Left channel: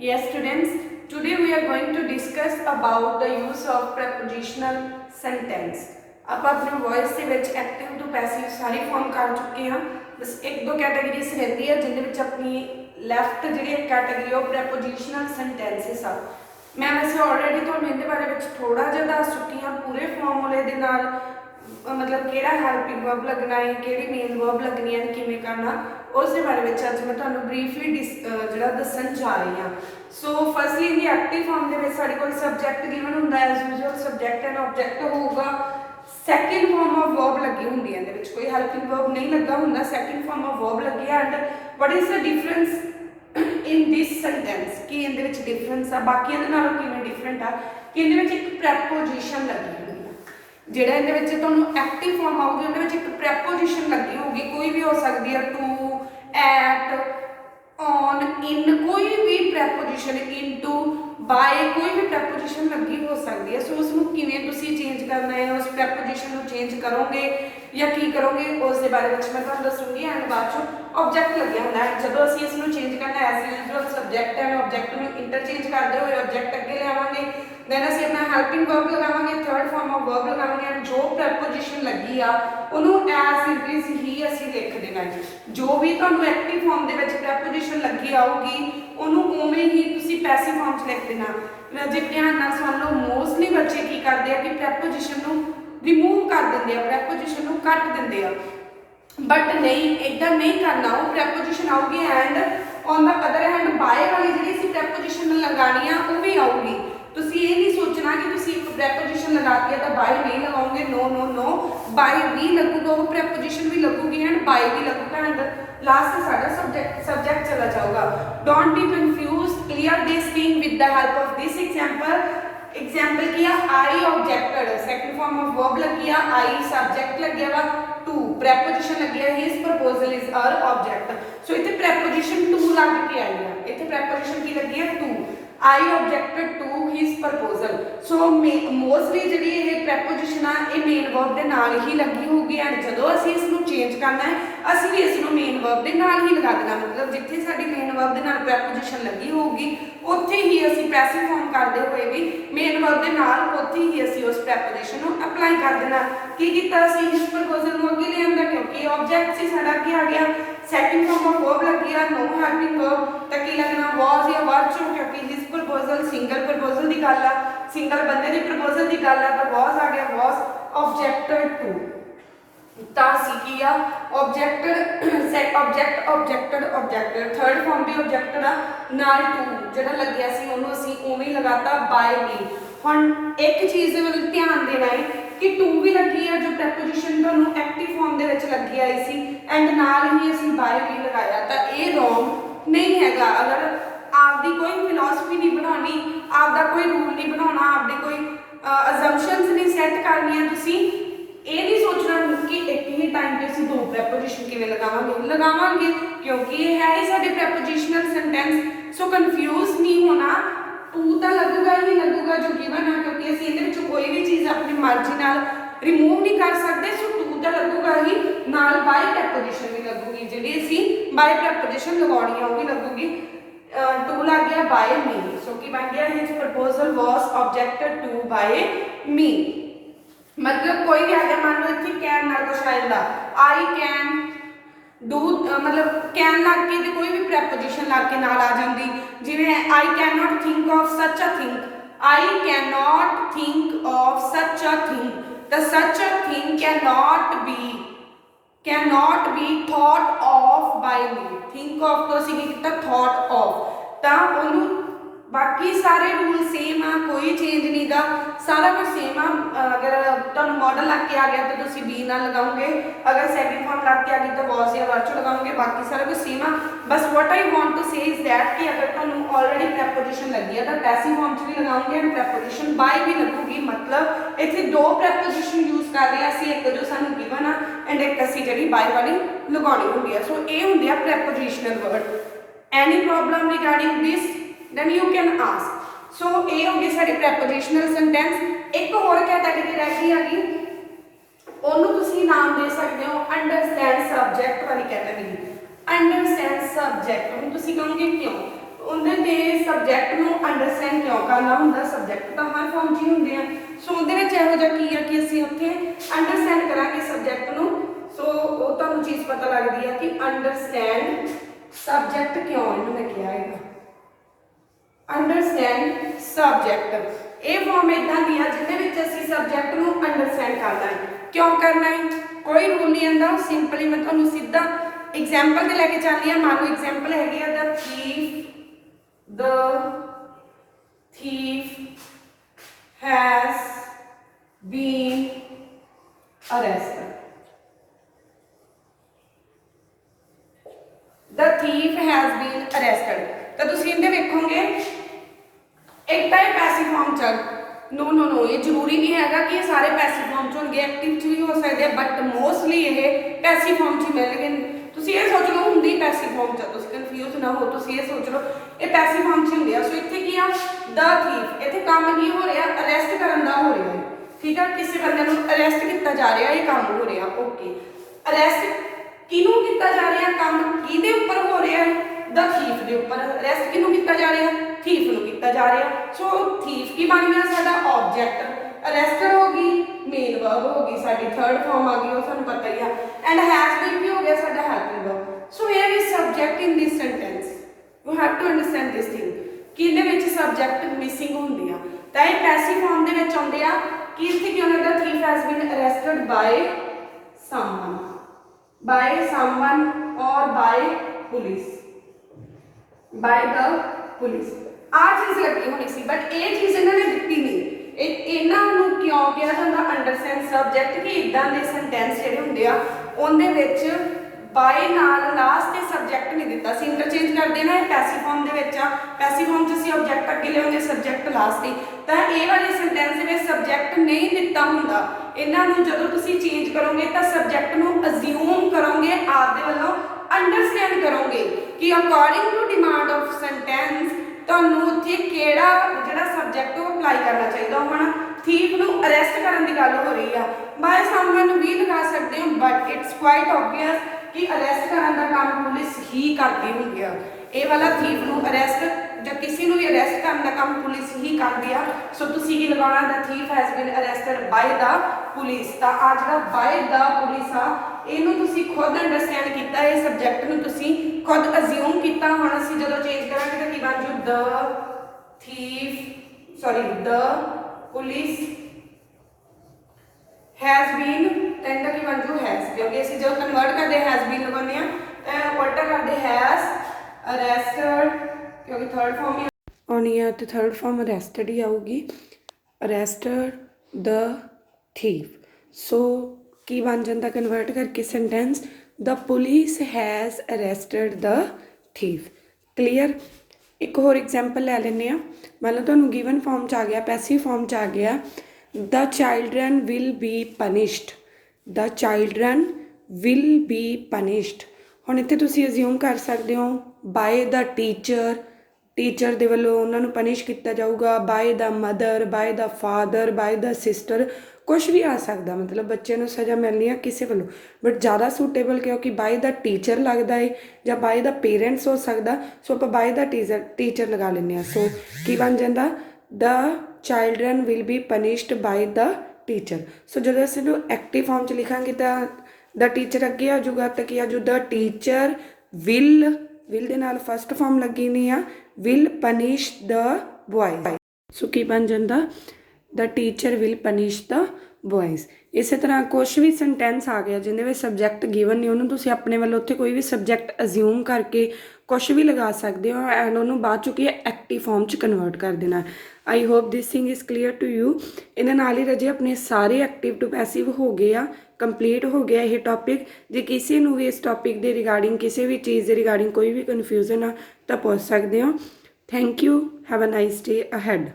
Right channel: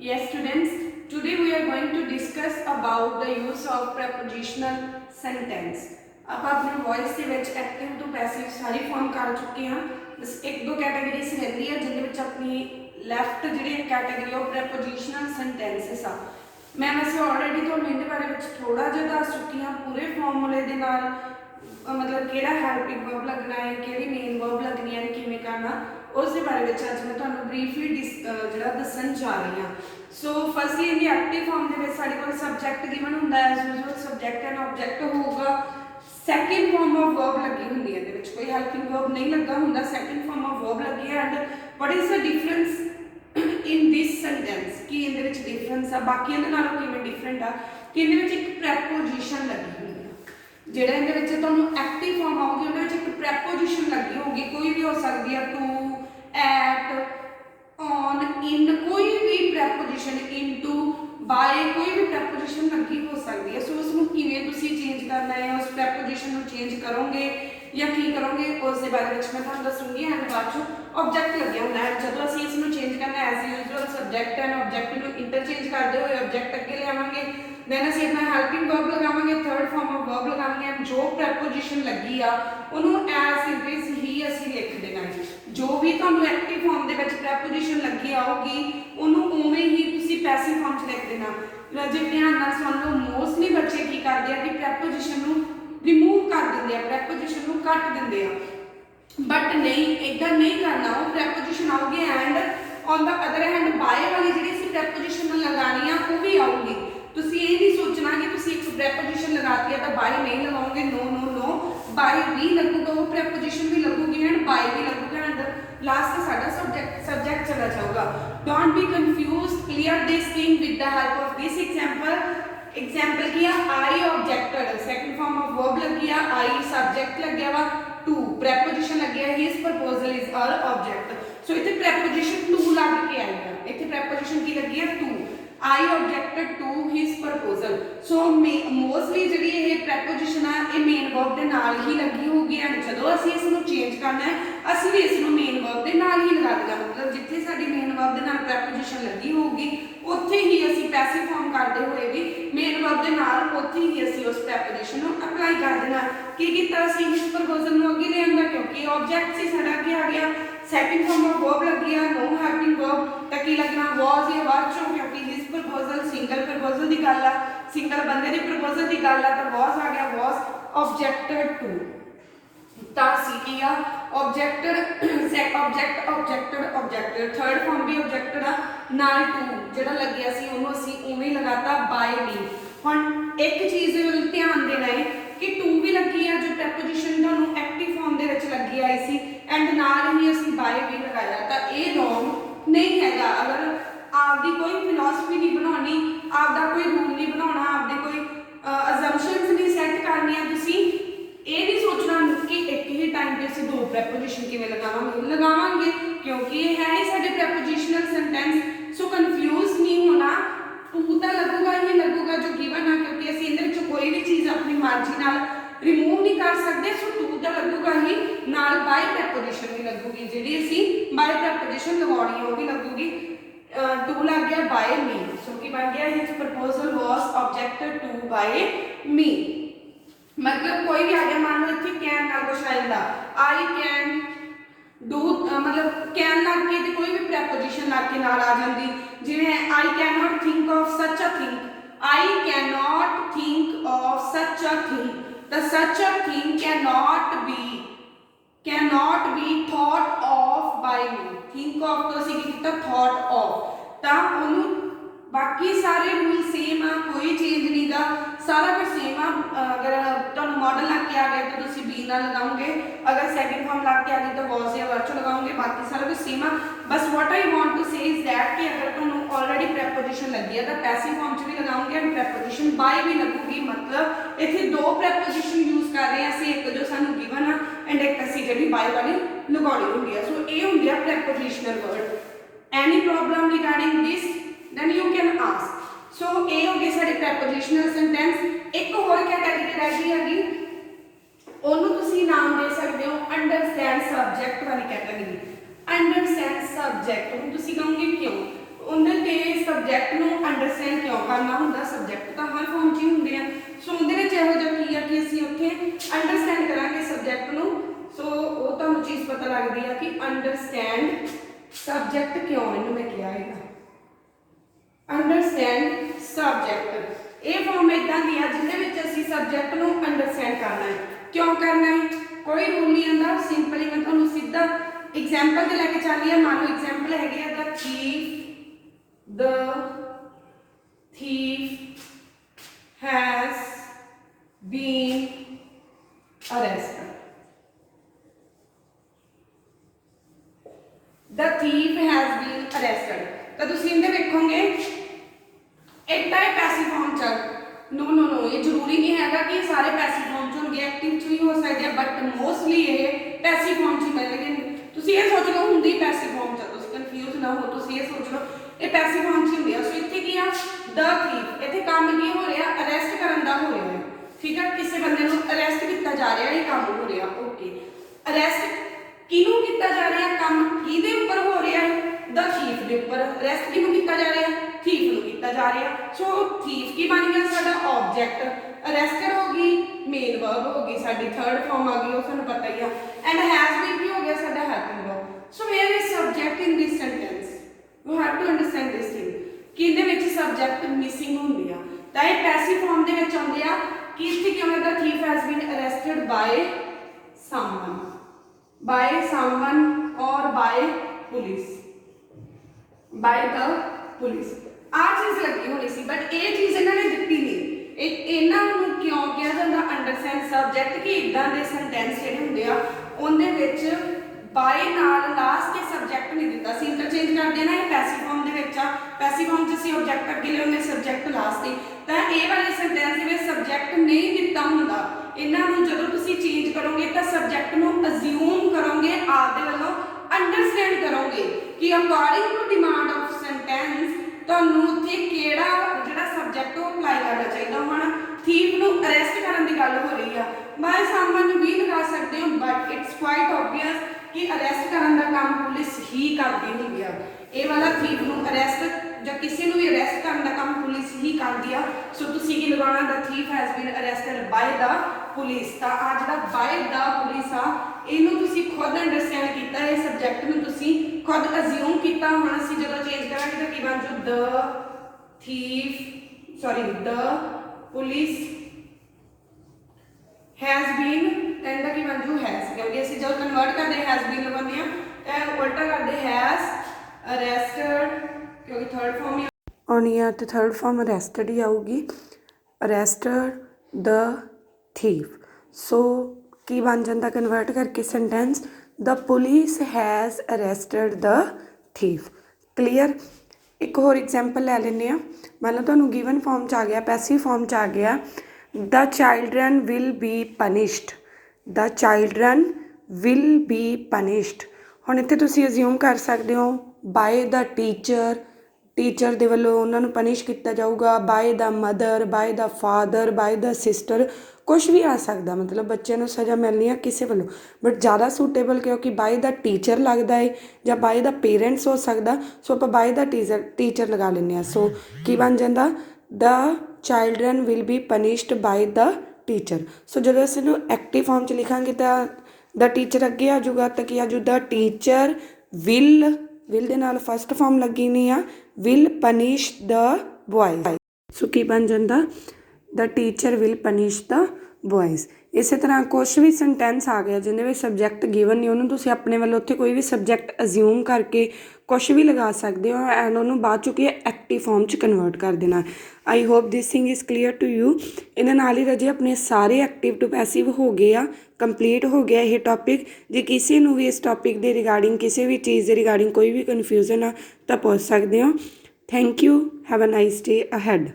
Yes, students, today we are going to discuss about the use of prepositional sentence. ਆਪਾਂ अपने voice ਦੇ ਵਿੱਚ active to passive ਸਾਰੀ form ਕਰ ਚੁੱਕੇ ਹਾਂ। ਬਸ ਇੱਕ ਦੋ ਕੈਟਾਗਰੀਜ਼ ਰਹਿੰਦੀ ਹੈ ਜਿੰਦੇ ਵਿੱਚ ਆਪਣੀ ਲੈਫਟ ਜਿਹੜੀ ਕੈਟਾਗਰੀ ਉਹ ਪ੍ਰੈਪੋਜੀਸ਼ਨਲ ਸੈਂਟੈਂਸਸ ਆ। ਮੈਂ ਵੈਸੇ ਆਲਰੇਡੀ ਤੁਹਾਨੂੰ ਇਹਦੇ ਬਾਰੇ ਵਿੱਚ ਥੋੜਾ ਜਿਹਾ ਦੱਸ ਚੁੱਕੀ ਹਾਂ ਪੂਰੇ ਫਾਰਮੂਲੇ ਦੇ ਨਾਲ, मतलब ਕਿਹੜਾ ਹੈਲਪਿੰਗ ਵਰਬ ਲੱਗਣਾ ਹੈ, ਕਿਹੜੀ ਮੇਨ ਵਰਬ ਲੱਗਣੀ ਹੈ, ਕਿਵੇਂ ਕਰਨਾ, ਉਸ ਦੇ ਬਾਰੇ ਵਿੱਚ ਅੱਜ ਮੈਂ ਤੁਹਾਨੂੰ ਬਰੀਫਲੀ ਜਿਹੜਾ ਦੱਸਣ ਜਾ ਰਹੀ ਹਾਂ। ਸੋ ਫਸਟਲੀ ਇਨ ਦੀ ਐਕਟਿਵ ਫਾਰਮ ਦੇ ਵਿੱਚ ਸਾਡੇ ਕੋਲ ਸਬਜੈਕਟ ਗਿਵਨ ਹੁੰਦਾ ਹੈ, as usual subject and object ਹੋਊਗਾ। ਸੈਕਿੰਡ ਫਾਰਮ ਆਫ ਵਰਬ ਲੱਗੀ ਹੁੰਦੀ ਹੈ, ਇਹਦੇ ਵਿੱਚ ਕੋਈ ਹੈਲਪਿੰਗ ਵਰਬ ਨਹੀਂ ਲੱਗਾ ਹੁੰਦਾ, ਸੈਕਿੰਡ ਫਾਰਮ ਆਫ ਵਰਬ ਲੱਗੀ ਹੈ। And what is the difference in this sentence, ਕਿ ਇਹਦੇ ਵਿੱਚ ਡਿਫਰੈਂਸ ਆ ਬਾਕੀਆਂ ਦੇ ਨਾਲੋਂ ਕਿਵੇਂ ਡਿਫਰੈਂਟ ਆ, ਕਿ ਇਹਦੇ ਵਿੱਚ ਇੱਕ ਪ੍ਰੈਪੋਜੀਸ਼ਨ ਲੱਗੀ ਹੁੰਦੀ ਹੈ। ਜਿਹੜਾ ਇਹਦੇ ਵਿੱਚ ਤੁਹਾਨੂੰ ਐਕਟਿਵ ਫਾਰਮ ਆਊਗੀ ਉਹਦੇ ਵਿੱਚ ਇੱਕ ਪ੍ਰੈਪੋਜੀਸ਼ਨ ਲੱਗੀ ਹੋਊਗੀ, ਕੋਈ ਵੀ ਹੋ ਸਕਦੀ ਹੈ, ਟੂ, ਐਟ, ਔਨ, ਇਨ, ਕੋਈ ਵੀ ਪ੍ਰੈਪੋਜੀਸ਼ਨ, ਇਨਟੂ, ਬਾਏ, ਕੋਈ ਵੀ ਪ੍ਰੈਪੋਜੀਸ਼ਨ ਲੱਗੀ ਹੋ ਸਕਦੀ ਹੈ। ਸੋ ਉਸ ਨੂੰ ਕਿਵੇਂ ਤੁਸੀਂ ਚੇਂਜ ਕਰਨਾ ਹੈ, ਉਸ ਪ੍ਰੈਪੋਜੀਸ਼ਨ ਨੂੰ ਚੇਂਜ ਕਰੋਗੇ ਜਾਂ ਕੀ ਕਰੋਗੇ, ਉਸ ਦੇ ਬਾਰੇ ਵਿੱਚ ਮੈਂ ਤੁਹਾਨੂੰ ਦੱਸੂਗੀ। ਐਂਡ ਬਾਅਦ ਚੋਂ ਆਬਜੈਕਟ ਲੱਗਿਆ ਹੁੰਦਾ ਹੈ, ਜਦੋਂ ਅਸੀਂ ਇਸ ਨੂੰ ਚੇਂਜ ਕਰਨਾ as usual subject and object ਨੂੰ ਇੰਟਰਚੇਂਜ ਕਰਦੇ ਹੋਏ ਆਬਜੈਕਟ ਅੱਗੇ ਲਿਆਵਾਂਗੇ, ਦੈਨ ਅਸੀਂ ਆਪਣਾ ਹੈਲਪਿੰਗ ਵਰਬ ਲਗਾਵਾਂਗੇ, ਥਰਡ ਫਾਰਮ ਆਫ ਵਰਬ ਲਗਾਵਾਂਗੇ, ਐਂਡ ਜੋ ਪ੍ਰੈਪੋਜੀਸ਼ਨ ਲੱਗੀ ਆ ਉਹਨੂੰ ਐਜ਼ ਇਟ ਇਜ਼ ਹੀ ਅਸੀਂ ਲਿਖ ਦੇਣਾ ਹੈ। ਜੋ ਵੀ ਤੁਹਾਨੂੰ ਐਕਟਿਵ ਫਾਰਮ ਦੇ ਵਿੱਚ ਪ੍ਰੈਪੋਜੀਸ਼ਨ ਲੱਗੀ ਆਊਗੀ ਉਹਨੂੰ ਉਵੇਂ ਹੀ ਤੁਸੀਂ ਪੈਸਿਵ ਫਾਰਮ 'ਚ ਲਿਖ ਦੇਣਾ। ਜੇ ਧਿਆਨ ਨਾਲ ਸੁਣ ਲਓ, ਮੋਸਟਲੀ ਬੱਚੇ ਕੀ ਕਰਦੇ ਆ ਕਿ ਪ੍ਰੈਪੋਜੀਸ਼ਨ ਨੂੰ ਰਿਮੂਵ ਕਰ ਦਿੰਦੇ ਆ, ਪ੍ਰੈਪੋਜੀਸ਼ਨ ਨੂੰ ਕੱਟ ਦਿੰਦੇ ਆ, ਬਟ ਨਹੀਂ, ਇੱਦਾਂ ਨਹੀਂ ਕਰਨਾ। ਉਹ ਪ੍ਰੈਪੋਜੀਸ਼ਨ ਆਊਗੀ and on the other hand by ਵਾਲੀ ਜਿਹੜੀ ਅਸੀਂ ਪ੍ਰੈਪੋਜੀਸ਼ਨ ਲਗਾਉਣੀ ਆ ਉਹ ਵੀ ਆਊਗੀ। ਤੁਸੀਂ ਇਹ ਨਹੀਂ ਸੋਚਣਾ ਕਿ ਤੁਸੀਂ ਇੱਕ ਪ੍ਰੈਪੋਜੀਸ਼ਨ ਲਗਾਤੀ ਹੈ ਤਾਂ ਬਾਏ ਨਹੀਂ ਲਗਾਓਗੇ, ਨੋ ਨੋ ਨੋ, ਬਾਏ ਵੀ ਲੱਗੂਗਾ, ਉਹ ਪ੍ਰੈਪੋਜੀਸ਼ਨ ਵੀ ਲੱਗੂਗੀ ਐਂਡ ਬਾਏ ਵੀ ਲੱਗੂਗਾ, ਐਂਡ ਲਾਸਟ ਸਾਡਾ ਸਬਜੈਕਟ ਚਲਾ ਜਾਊਗਾ। Don't be confuse, clear this thing with the help of this example किया I objected, second form of verb लग गया, आई सब्जेक्ट लग गया वा, टू प्रैपोजिशन लग गया, his proposal is our object. So इथे प्रैपोजिशन टू लग के आई है, इथे प्रैपोजिशन की लगी है to, I objected to his proposal. So mostly जी ये प्रैपोजिशन आ ये मेन वर्ब के नाल ही लगी होगी, एंड जदों असीं इस नूं चेंज करना है असीं भी इस नूं मेन वर्ब के नाल ही लगा देना, मतलब जिथे साडी मेन वर्ब के नाल प्रैपोजिशन लगी होगी उत्थे ही असीं पैसिव फॉर्म करते हुए भी मेन वर्ब के नाल उत्थे ही असीं उस प्रैपोजिशन नूं अप्लाई कर देना। की कीता असीं हिज प्रपोजल नूं अगे ले आंदा क्योंकि ऑब्जेक्ट सी साडा अगे आ गया, सेकंड फॉर्म ऑफ वर्ब लग गया, नो हेल्पिंग वर्ब, तां की लगना वाज या वर चों, क्योंकि हिज प्रपोजल सिंगल प्रपोजल की गल आ, सिंगल बंदे की प्रपोजल की गल आ, तो वाज आ गया, वाज ऑब्जेक्टेड टू, ਤਾਂ ਸੀ ਕੀ ਆ objected, object objected objected, third form भी ऑब्जेक्टेड आ, नाल टू ਜਿਹੜਾ ਲੱਗਿਆ ਸੀ ਉਹਨੂੰ ਅਸੀਂ ਉਵੇਂ ਹੀ ਲਗਾਤਾ ਬਾय ਵੀ। ਹੁਣ ਇੱਕ ਚੀਜ਼ ਦੇ ਵੱਲ ਧਿਆਨ ਦੇਣਾ ਹੈ ਕਿ ਟੂ ਵੀ ਲੱਗੀ ਆ, ਜੋ ਪ੍ਰੈਪੋਜੀਸ਼ਨ ਤੁਹਾਨੂੰ ਐਕਟਿਵ ਫਾਰਮ ਦੇ ਵਿੱਚ ਲੱਗੀ ਆਈ ਸੀ, ਐਂਡ ਨਾਲ ਹੀ ਅਸੀਂ ਬਾय ਵੀ ਲਗਾਇਆ, ਤਾਂ ਇਹ ਰੋਂਗ ਨਹੀਂ ਹੈਗਾ। ਅਗਰ ਆਪਦੀ ਕੋਈ ਫਿਲਾਸਫੀ ਨਹੀਂ ਬਣਾਉਣੀ, ਆਪਦਾ ਕੋਈ ਰੂਲ ਨਹੀਂ ਬਣਾਉਣਾ, ਆਪਦੇ ਕੋਈ ਅਜ਼ੰਪਸ਼ਨਸ ਨਹੀਂ ਸੈੱਟ ਕਰਨੀਆਂ, ਤੁਸੀਂ ਇਹ ਨਹੀਂ ਸੋਚਣਾ ਕਿ ਇੱਕ ਹੀ ਟਾਈਮ ਤੇ ਅਸੀਂ ਦੋ ਪ੍ਰੈਪੋਜੀਸ਼ਨ ਕਿਵੇਂ ਲਗਾਵਾਂਗੇ ਕਿਉਂਕਿ ਇਹ ਹੈ ਹੀ ਸਾਡੇ ਪ੍ਰੈਪੋਜੀਸ਼ਨਲ ਸੈਂਟੈਂਸ। ਸੋ ਕਨਫਿਊਜ਼ ਨਹੀਂ ਹੋਣਾ, ਟੂ ਤਾਂ ਲੱਗੂਗਾ ਹੀ ਲੱਗੂਗਾ ਜੋ ਗਿਵਨ ਆ, ਕਿਉਂਕਿ ਅਸੀਂ ਇਹਦੇ ਵਿੱਚ ਕੋਈ ਵੀ ਚੀਜ਼ ਆਪਣੀ ਮਰਜ਼ੀ ਨਾਲ ਰਿਮੂਵ ਨਹੀਂ ਕਰ ਸਕਦੇ। ਸੋ ਟੂ ਤਾਂ ਲੱਗੂਗਾ ਹੀ, ਨਾਲ ਬਾਈ ਪ੍ਰੈਪੋਜੀਸ਼ਨ ਵੀ ਲੱਗੂਗੀ, ਜਿਹੜੀ ਅਸੀਂ ਬਾਈ ਪ੍ਰੈਪੋਜੀਸ਼ਨ ਲਗਾਉਣੀ ਆ ਉਹ ਵੀ ਲੱਗੂਗੀ। टू लग गया बाय मी, सो की बन गया his proposal was objected to by me. मतलब कोई भी आ गया, मान लो इत्थे कैन नाल कुछ आ जांदा, आई कैन डू, मतलब कैन लग के ते कोई भी प्रैपोजिशन लग के नाल आ जांदी, जिवें I can not think of such a thing, I can not think of such a thing, the such a thing cannot be thought of by me, think of तो ਅਸੀਂ ਕੀ ਕੀਤਾ thought of, ਤਾਂ ਉਹਨੂੰ बाकी सारे रूल सेम आ, कोई change नहीं गा, सारा कुछ सेम आ। अगर तुहानूं मॉडल लग के आ गया तो तुसीं बी नाल लगाओगे, अगर सेकंड फॉर्म लग के आ गई तो वॉज या वर चों लगाओगे, बाकी सारा कुछ सेम आ। बस व्हाट आई वांट टू से इज दैट कि अगर तुहानूं ऑलरेडी प्रैपोजिशन लगी है तो पैसिव फॉर्म च भी लगाओगे एंड प्रैपोजिशन बाय भी लगूगी, मतलब इत्थे दो प्रैपोजिशन यूज कर रहे हैं असीं, एक जो सानूं गिवन आ एंड एक असीं जिहड़ी बाय वाली लगाउणी हुंदी है। सो ये हुंदी आ prepositional word. Any problem regarding this then you can ask। so ये हो गई साडी प्रैपोजिशनल सेंटेंस। एक और कैटेगरी रह गई हैगी, ओनू तुसी नाम दे सकते हो अंडरस्टैंड सब्जेक्ट वाली कैटेगरी। अंडरस्टैंड सब्जेक्ट हम तुसी कहोगे क्यों, ਉਹਨੇ ਤੇ ਸਬਜੈਕਟ ਨੂੰ ਅੰਡਰਸਟੈਂਡ ਕਿਉਂ ਕਰਨਾ ਹੁੰਦਾ, ਸਬਜੈਕਟ ਤਾਂ ਹਰ ਫਾਰਮ 'ਚ ਹੀ ਹੁੰਦੇ ਆ। ਸੋ ਉਹਦੇ ਵਿੱਚ ਇਹੋ ਜਿਹਾ ਕੀ ਆ ਕਿ ਅਸੀਂ ਉੱਥੇ ਅੰਡਰਸਟੈਂਡ ਕਰਾਂਗੇ ਸਬਜੈਕਟ ਨੂੰ। ਸੋ ਉਹ ਤੁਹਾਨੂੰ ਚੀਜ਼ ਪਤਾ ਲੱਗਦੀ ਆ ਕਿ ਅੰਡਰਸਟੈਂਡ ਸਬਜੈਕਟ ਕਿਉਂ, ਇਹਨੂੰ ਮੈਂ ਕਿਹਾ ਹੈਗਾ ਅੰਡਰਸਟੈਂਡ ਸਬਜੈਕਟ। ਇਹ ਫਾਰਮ ਇਦਾਂ ਦੀ ਆ ਜਿਹਦੇ ਵਿੱਚ ਅਸੀਂ ਸਬਜੈਕਟ ਨੂੰ ਅੰਡਰਸਟੈਂਡ ਕਰਨਾ ਹੈ। ਕਿਉਂ ਕਰਨਾ ਹੈ, ਕੋਈ ਰੂਲ ਨਹੀਂ ਆਉਂਦਾ, ਸਿੰਪਲੀ ਮੈਂ ਤੁਹਾਨੂੰ ਸਿੱਧਾ एग्जाम्पल के लेके चलनी है। मान लो एग्जाम्पल है the thief has been arrested। The thief has been arrested। तो तुसीं इहदे वेखोगे एक टाइप पैसिव फॉर्म च नो ये जरूरी नहीं है कि ये सारे पैसिव फॉर्म च होंगे, एक्टिव च भी हो सकते हैं, बट मोस्टली ये पैसिव फॉर्म च मिलणगे। ਤੁਸੀਂ ਇਹ ਸੋਚ ਲਓ ਹੁੰਦੀ ਪੈਸਿਵ ਫਾਰਮ ਚ, ਤੁਸੀਂ ਕਨਫਿਊਜ਼ ਨਾ ਹੋ, ਤੁਸੀਂ ਇਹ ਸੋਚ ਲਓ ਇਹ ਪੈਸਿਵ ਫਾਰਮ ਚ ਹੁੰਦੀ ਆ। ਸੋ ਇੱਥੇ ਕੀ ਆ, ਦ ਥੀਫ, ਇੱਥੇ ਕੰਮ ਨਹੀਂ ਹੋ ਰਿਹਾ, ਅਰੈਸਟ ਕਰਨ ਦਾ ਹੋ ਰਿਹਾ ਹੈ, ਠੀਕ ਆ, ਕਿਸੇ ਬੰਦੇ ਨੂੰ ਅਰੈਸਟ ਕੀਤਾ ਜਾ ਰਿਹਾ, ਇਹ ਕੰਮ ਹੋ ਰਿਹਾ। ਓਕੇ, ਅਰੈਸਟ ਕਿਹਨੂੰ ਕੀਤਾ ਜਾ ਰਿਹਾ, ਕੰਮ ਕਿਹਦੇ ਉੱਪਰ ਹੋ ਰਿਹਾ, ਦ ਥੀਫ ਦੇ ਉੱਪਰ। ਅਰੈਸਟ ਕਿਹਨੂੰ ਕੀਤਾ ਜਾ ਰਿਹਾ, ਥੀਫ ਨੂੰ ਕੀਤਾ ਜਾ ਰਿਹਾ। ਸੋ ਥੀਫ ਕੀ ਬਣ ਗਿਆ ਸਾਡਾ ਆਬਜੈਕਟ, ਅਰੈਸਟਰ ਹੋ ਗਈ, ਮੇਨ ਵਰਬ ਹੋ ਗਈ ਸਾਡੀ, ਥਰਡ ਫਾਰਮ ਆ ਗਈ, ਉਹ ਸਾਨੂੰ ਪਤਾ ਹੀ ਆ। ਐਂਡ ਹੈਜ਼ ਬੀਨ ਵੀ ਹੋ ਗਿਆ ਸਾਡਾ helping verb. So where is subject in this sentence, you have to understand this thing ਕਿ ਇਹਦੇ ਵਿੱਚ ਸਬਜੈਕਟ ਮਿਸਿੰਗ ਹੁੰਦੀ ਆ। ਤਾਂ ਇਹ ਪੈਸਿਵ ਫਾਰਮ ਦੇ ਵਿੱਚ ਆਉਂਦੇ ਆ ਕਿ ਇੱਥੇ ਕੀ ਹੁੰਦਾ, thief has been arrested by someone or by police, by the police. ਆ ਚੀਜ਼ ਲੱਗੀ ਹੋਣੀ ਸੀ, ਬਟ ਇਹ ਚੀਜ਼ ਇਹਨਾਂ ਨੇ ਦਿੱਤੀ ਨਹੀਂ। ਇਹਨਾਂ ਨੂੰ ਕਿਉਂ ਕਿਹਾ ਜਾਂਦਾ ਅੰਡਰਸਟੈਂਡ ਸਬਜੈਕਟ, ਕਿ ਇਦਾਂ ਦੇ ਸੈਂਟੈਂਸ ਜਿਹੜੇ ਹੁੰਦੇ ਆ ਉਹਦੇ ਵਿੱਚ ਬਾਏ ਨਾਲ ਲਾਸਟ ਤੇ ਸਬਜੈਕਟ ਨਹੀਂ ਦਿੱਤਾ ਸੀ, ਇੰਟਰਚੇਂਜ ਕਰਦੇ ਨਾ। ਇਹ ਪੈਸਿਵ ਫਾਰਮ ਦੇ ਵਿੱਚ ਆ, ਪੈਸਿਵ ਫਾਰਮ 'ਚ ਅਸੀਂ ਆਬਜੈਕਟ ਅੱਗੇ ਲਿਆਉਂਦੇ, ਸਬਜੈਕਟ ਲਾਸਟ ਤੇ। ਤਾਂ ਇਹ ਵਾਲੇ ਸੈਂਟੈਂਸ ਦੇ ਵਿੱਚ ਸਬਜੈਕਟ ਨਹੀਂ ਦਿੱਤਾ ਹੁੰਦਾ। ਇਹਨਾਂ ਨੂੰ ਜਦੋਂ ਤੁਸੀਂ ਚੇਂਜ ਕਰੋਗੇ ਤਾਂ ਸਬਜੈਕਟ ਨੂੰ ਅਜ਼ਿਊਮ ਕਰੋਗੇ, ਆਪਦੇ ਵੱਲੋਂ ਅੰਡਰਸਟੈਂਡ ਕਰੋਗੇ ਕਿ according to demand of sentence ਤੁਹਾਨੂੰ ਉੱਥੇ ਕਿਹੜਾ ਜਿਹੜਾ ਸਬਜੈਕਟ ਉਹ ਅਪਲਾਈ ਕਰਨਾ ਚਾਹੀਦਾ। ਹੁਣ ਥੀਫ ਨੂੰ ਅਰੈਸਟ ਕਰਨ ਦੀ ਗੱਲ ਹੋ ਰਹੀ ਆ, ਬਾਏ ਸਮਵਨ ਨੂੰ ਵੀ ਲਗਾ ਸਕਦੇ ਹੋ, ਬਟ ਇਟਸ ਕੁਆਇਟ ਆਬਵੀਅਸ ਕਿ ਅਰੈਸਟ ਕਰਨ ਦਾ ਕੰਮ ਪੁਲਿਸ ਹੀ ਕਰਦੀ ਹੁੰਦੀ ਆ। ਇਹ ਵਾਲਾ ਥੀਫ ਨੂੰ ਅਰੈਸਟ ਜਾਂ ਕਿਸੇ ਨੂੰ ਵੀ ਅਰੈਸਟ ਕਰਨ ਦਾ ਕੰਮ ਪੁਲਿਸ ਹੀ ਕਰਦੀ ਆ। ਸੋ ਤੁਸੀਂ ਕੀ ਲਗਾਉਣਾ, the thief has been arrested by the police. ਤਾਂ ਆ ਜਿਹੜਾ ਬਾਏ ਦਾ ਪੁਲਿਸ ਆ, ਇਹਨੂੰ ਤੁਸੀਂ ਖੁਦ ਅੰਡਰਸਟੈਂਡ ਕੀਤਾ, ਇਹ ਸਬਜੈਕਟ ਨੂੰ ਤੁਸੀਂ ਖੁਦ ਅਜ਼ਿਊਮ ਕੀਤਾ। ਹੁਣ ਅਸੀਂ ਜਦੋਂ ਚੇਂਜ ਕਰਾਂਗੇ ਤਾਂ ਕੀ ਬਣ ਜੂ, ਦ ਪੁਲਿਸ हैज़ बीन, कहता कि बन जू हैज़, क्योंकि ਅਸੀਂ जब कन्वर्ट करते हैज़ बीन लगाते हैं तो उल्टा करते हैज़ अरेस्टेड, क्योंकि थर्ड फॉर्म ही आनी है तो थर्ड फॉर्म अरेस्टेड ही आऊगी, अरेस्टेड द थीफ। सो की बन जाता कन्वर्ट करके sentence, the police has arrested the thief. Clear. एक होर एग्जाम्पल लै लेने आ, मान लो तुहानूं गिवन फॉर्म च आ गया, पैसिव फॉर्म च आ गया, the children will be punished, the children will be punished. हुण इत्थे तुसीं अज्यूम कर सकते हो बाय द टीचर, टीचर दे वल्लों उन्हां नूं पनिश किया जाऊगा, by the mother, by the father, by the sister, कुछ भी आ सकता, मतलब बच्चे नूं सज़ा मिलनी है किसी वालों, बट ज़्यादा सूटेबल क्योंकि बाय द टीचर लगता है या बाय द पेरेंट्स हो सकता। सो आप बाय द टीचर लगा लें। सो की बन जाता, the children will be punished by the teacher. So जो इसनूं एक्टिव फॉर्म च लिखांगे तो द टीचर अगे आ जाऊगा, तो कि आ जाऊ, द टीचर विल दे नाल फस्ट फॉर्म लगी नहीं आ, विल पनिश द बॉयज़। सो की बन जाता, the teacher will punish the boys. इस तरह कुछ भी सेंटेंस आ गया जिन्हें भी सब्जैक्ट गिवन नहीं, उन्होंने तुसीं अपने वालों उत्थे कोई भी सब्जैक्ट अज्यूम करके कुछ भी लगा सकते हो एंड उन्होंने बाद चुकी एक्टिव फॉर्म च कन्वर्ट कर देना। I hope this thing is clear to you. इन्हां नाल ही रजे अपने सारे एक्टिव टू पैसिव हो गए आ, कंप्लीट हो गया ये टॉपिक। जे किसी नूं भी इस टॉपिक के रिगार्डिंग किसी भी चीज़ के रिगार्डिंग कोई भी कन्फ्यूजन आ तो पूछ सकते हो। Thank you, have a nice day ahead.